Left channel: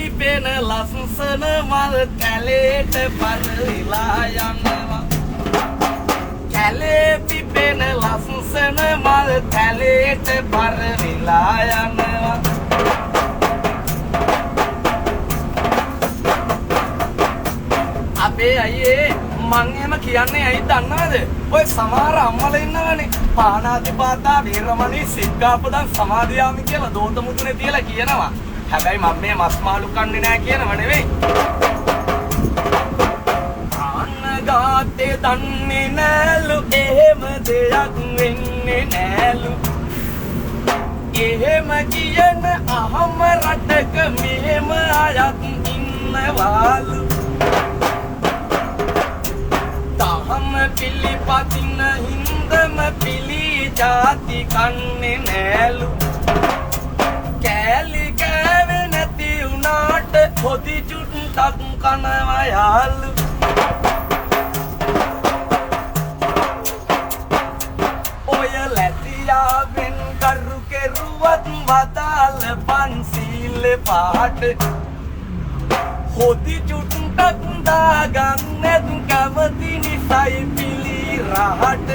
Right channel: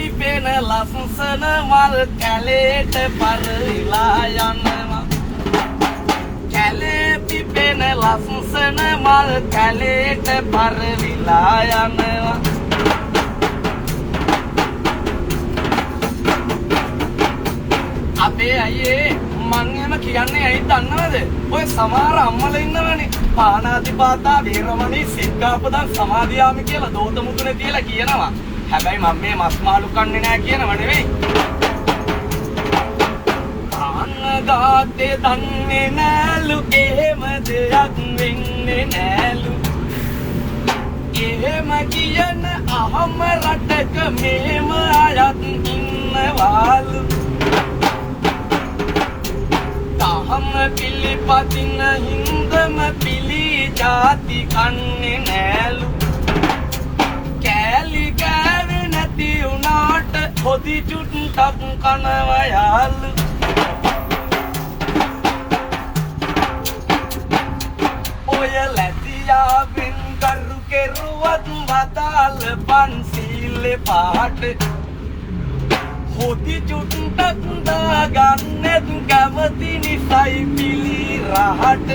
පිපෙන ලස්සන මල් කැලේට පරවිලා යනවා කැලේ පිපෙන ලස්සන මල් කැලේට පරවිලා යනවා අපේ අයියේ මං එහෙම කියන්නේ ඇයි දන්නවද? ඔය සමහර අම්මලා ඉන්නවනේ පාණාතිපාතා වීරමණී සික්ඛාපදං සමාදියාමි කියලා දෝත මුදුනේ තියලා කියනවා. හැබැයි මම මේ මස් මාළු කන්නේ නැහැ කියනව නෙවෙයි. ආනගාතේ දන්නේ නෑලු එහෙම දෙයක් වෙන්නේ නෑලු. එහෙම කියන අහම රටක මෙහෙම අයත් ඉන්නවාලු. පිලිපදින හින්දම පිලි ජාති කන්නේ නෑලු කෑලි කෑවේ නැති උනාට පොදි චුට්ටක් කනවා යාලු ඔය ලැබියාවෙන් කරු කෙරුවත් වතාල පන්සීල පාට හොදි චුට්ටක් දාගන්නෙත් කැමති නිසයි පිලි රහට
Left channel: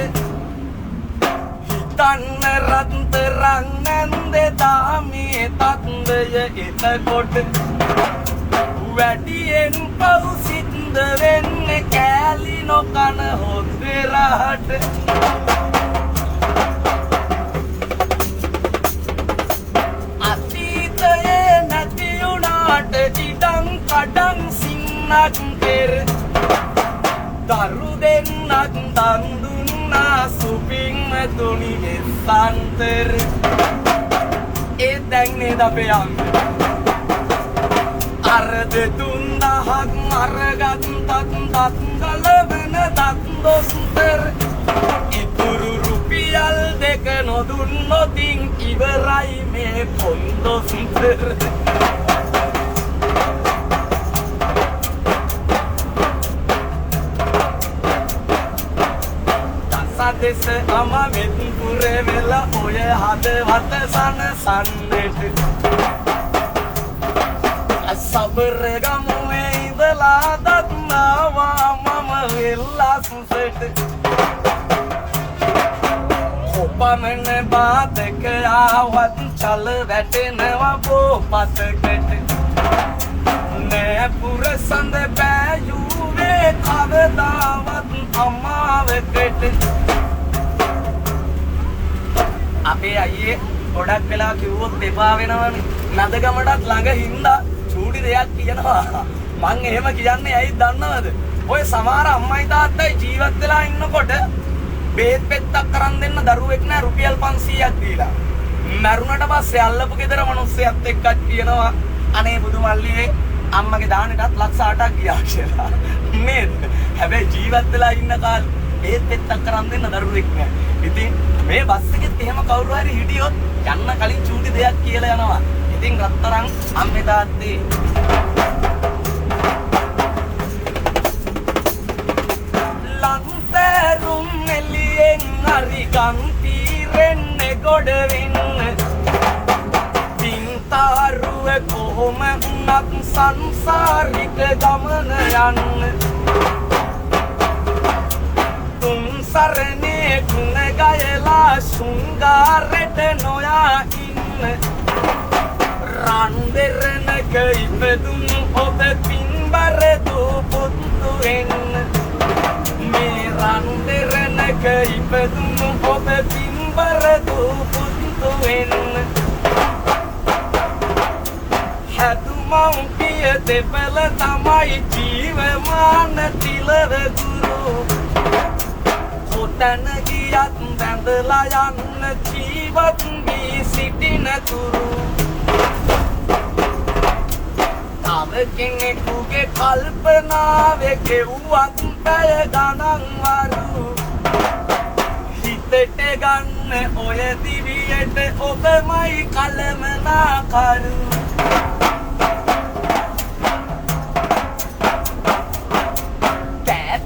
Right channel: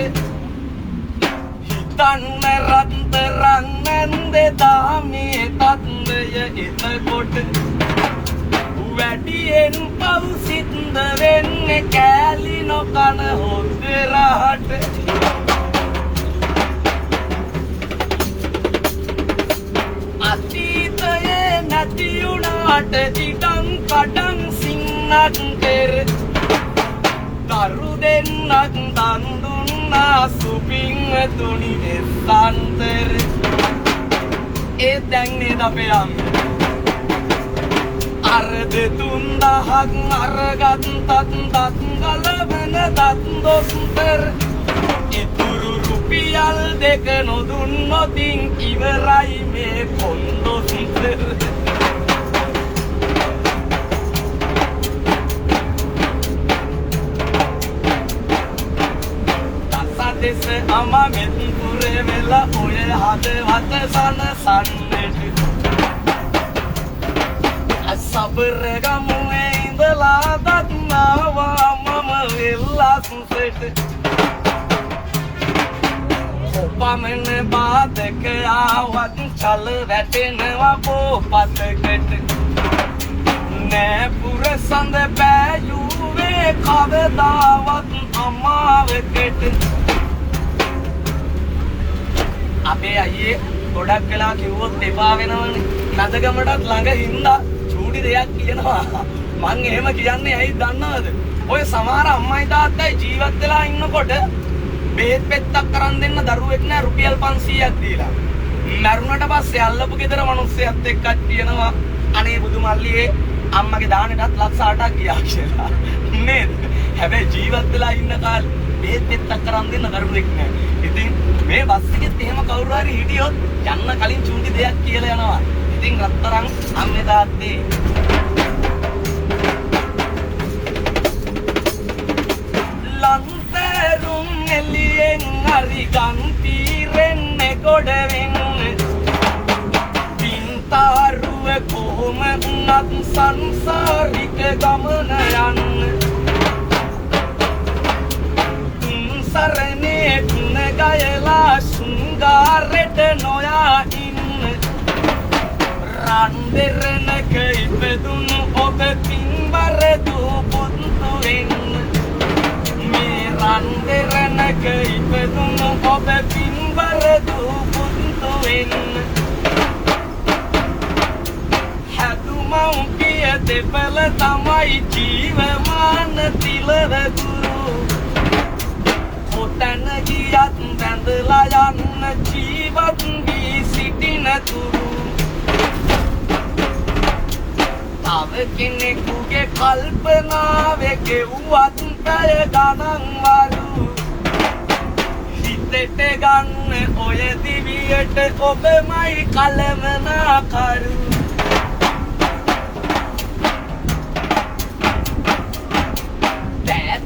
හිතන්න රත්තරන් නැන්දේ දාමේ තත්දය එතකොට වැඩියෙන් පව් සින්ද වෙන්නේ කෑලි නොකන හොද්ද රහට අතීතයේ නැති උනාට ඉඩම් කඩම් සින්නක් කෙර දරු දෙන්නක් දන් දුන්නා සුපින් තුනි වෙස්සන්තර ඒ දැන් නේද අපේ අම්මේ අර දෙතුන් දහක් අරගත් තත් ගලවන දත් දොස්තර ඉතුරු රුපියල් දෙක නොදුන්නොතින් ඉවරයි මේ කොන්දොස්තර දෙස අම මෙත් පුරේ වෙලා ඔය හදවත සනසන්නට සබර ගමුවේ ඉඳලා දත්නවා මම වෙල්ලස්සට ඔපමණ බාතක යාවත් චල වැටෙනවා පොපතකට නෑ පුර සඳ බෑයුවේ කවදාවත් අමාවකට අපේ අයියේ ගොඩක් වෙලා කිව්වොත් එපා වෙනවනේ නදගමටත් ළඟ හින්දා චූටි දෙයක් කියනවා මං එහෙම කියන්නේ ඇයි දන්නවද ඔය සමහර අම්මයි තාත්තයි ජීවත් වෙලා ඉන්නකොට බේත් පෙත්තක් කරන් දෙන්න දරුවෙක් නෑ රුපියල් 500ක් දීලා මරුණට පස්සේ අල්ලපු ගෙදර මිනිස්සෙක් එක්කත් කියනවා අනේ බුදු මල්ලියේ අම්මගේ දානෙටත් ලක්ෂ 8ක් ගියා කියලා නේද හැබැයි ජීවත් වෙලා ඉන්න කාලේ බේත් පෙත්තක් කරන් දෙන්න දරුවෙක් නෑ ඉතින් මේ බස් එකෙත් එහෙම කවුරු හරි හිටියොත් යන්න කලින් චූටි දෙයක් කියලා යනවා. ඉතින් රත්තරන් අම්මේ තාත්තේ ලන්තරුම් එළියෙන් හරි ගම් තීරෙන්නේ ගොඩ වෙන්න. පින්තාරුව කොහොම වුණත් සංසාරික ගමන යන්න. තුන් සරණේ තුන ගයලා සුංගාරෙට නොයා ඉන්න රන් දෙරණක ඉපදුණු ඔබ පින්බර දූ පුතු එන්න මේ රන් දෙරණක ඉපදුණු ඔබ පින්බර දූ පුතු එන්න හැදුමව් පිය දෙපළ තමයි ජීවමාන තිලව ගුරු තන ගියත් බැඳලා යන්න ජීවත් වී සිටින තුරු තව කෙනෙකුගේ කල්පනාවේ ගෙවුවත් පැය ගණන් වරු හිතට ගන්න ඔය දිවියට ඔබමයි කලමනාකරු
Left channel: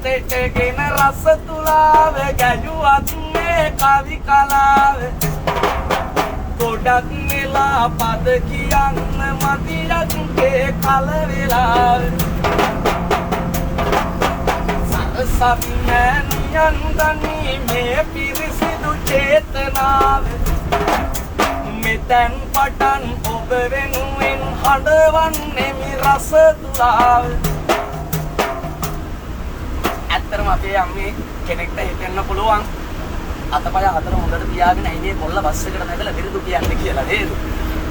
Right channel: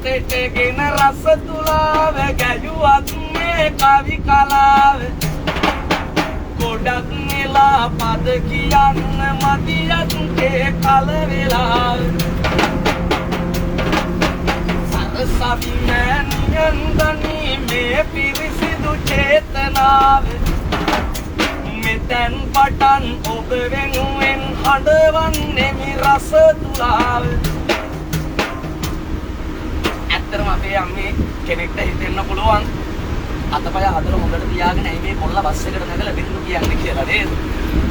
තෙටගෙන රස තුලාව ගැයුවත් මේ කවි කලාව ගොඩක් නෙලා පද කියන්න මදියත් ඒ සවිමෑනියන් ගනීමේ පිරිසිදු චේතනාව මෙතැන් පටන් ඔබ වෙනුවෙන් හඬවන්නෙමි රස තුලාව. ඇත්තරම අපේ අම්මේ කෙනෙක්ට හිතෙන්න පුළුවන් අතපය හතර හොඳට තියාගෙන ඇයි මේ කොල්ල බස් එකට නැගලා බින්දු කියන්නේ කියලා නේද?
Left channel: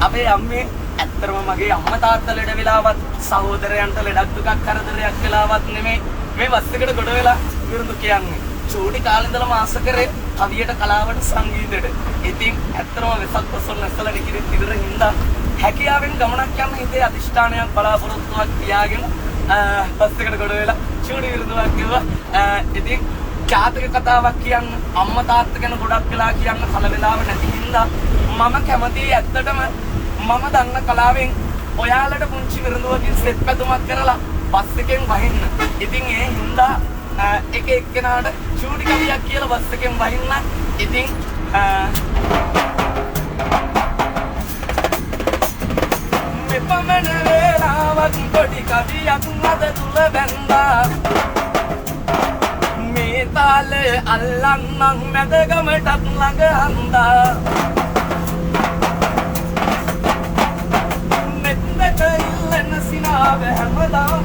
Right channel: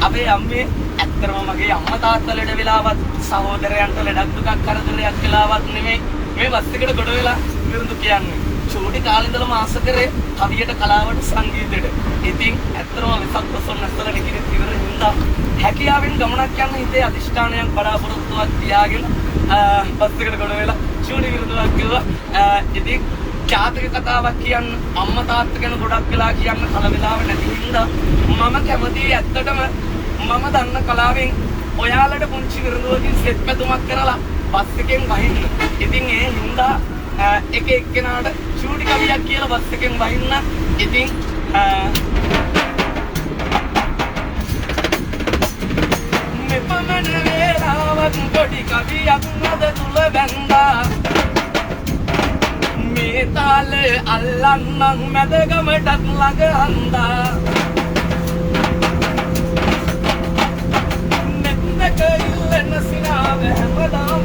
අපේ අම්මේ ඇත්තරම මගේ අම්මා තාත්තා ලෙඩ වෙලාවත් සහෝදරයන්ට ලෙඩක් දුකක් කරදරයක් වෙලාවත් නෙමෙයි මේ බස් එකට ගොඩ වෙලා බින්දු කියන්නේ. චූටි කාලේ ඉඳලා මාස කරේ කවියට කලාවට සංගීතයට. ඉතින් ඇත්තරම වෙසක් පොසොන් නැස්සලා නිකිරි ඉවර හින්දා හැකියාවෙන් ගමනක් යන හිතේ අදිෂ්ඨානයක් බලාපොරොත්තුවක් තියාගෙන බස් එකට ගොඩ වෙලා චූටි විරුදුවක් කිව්වා. ඉතින් ජාතක කතාවක් කියන්න අම්මා තාත්තා ගැන ගොඩක් වෙලා කියන්න කල වෙලාව නැති හින්දා මම කැමතියි ඇත්තටම මම දන්න කලාවෙන් ඔයාලට පුංචි විරුදුවකින් සෙත් පැතුමක් කරලා බස් එකෙන් වහින්න. ඉතින් ඒ හින්දා එක එක්කෙනාට චූටි කවියක් කියලා බස් එකෙන් වහින්න. ඉතින් මෙපමණ වේලාවක් පොඩි කවියක් අද තුල බැඳා මේ තාලේ අල්ලන්නම් මැදගමටත් ළඟ අන්දා නෙත් දෙක ඉල්ලන සිනාව හැමදාම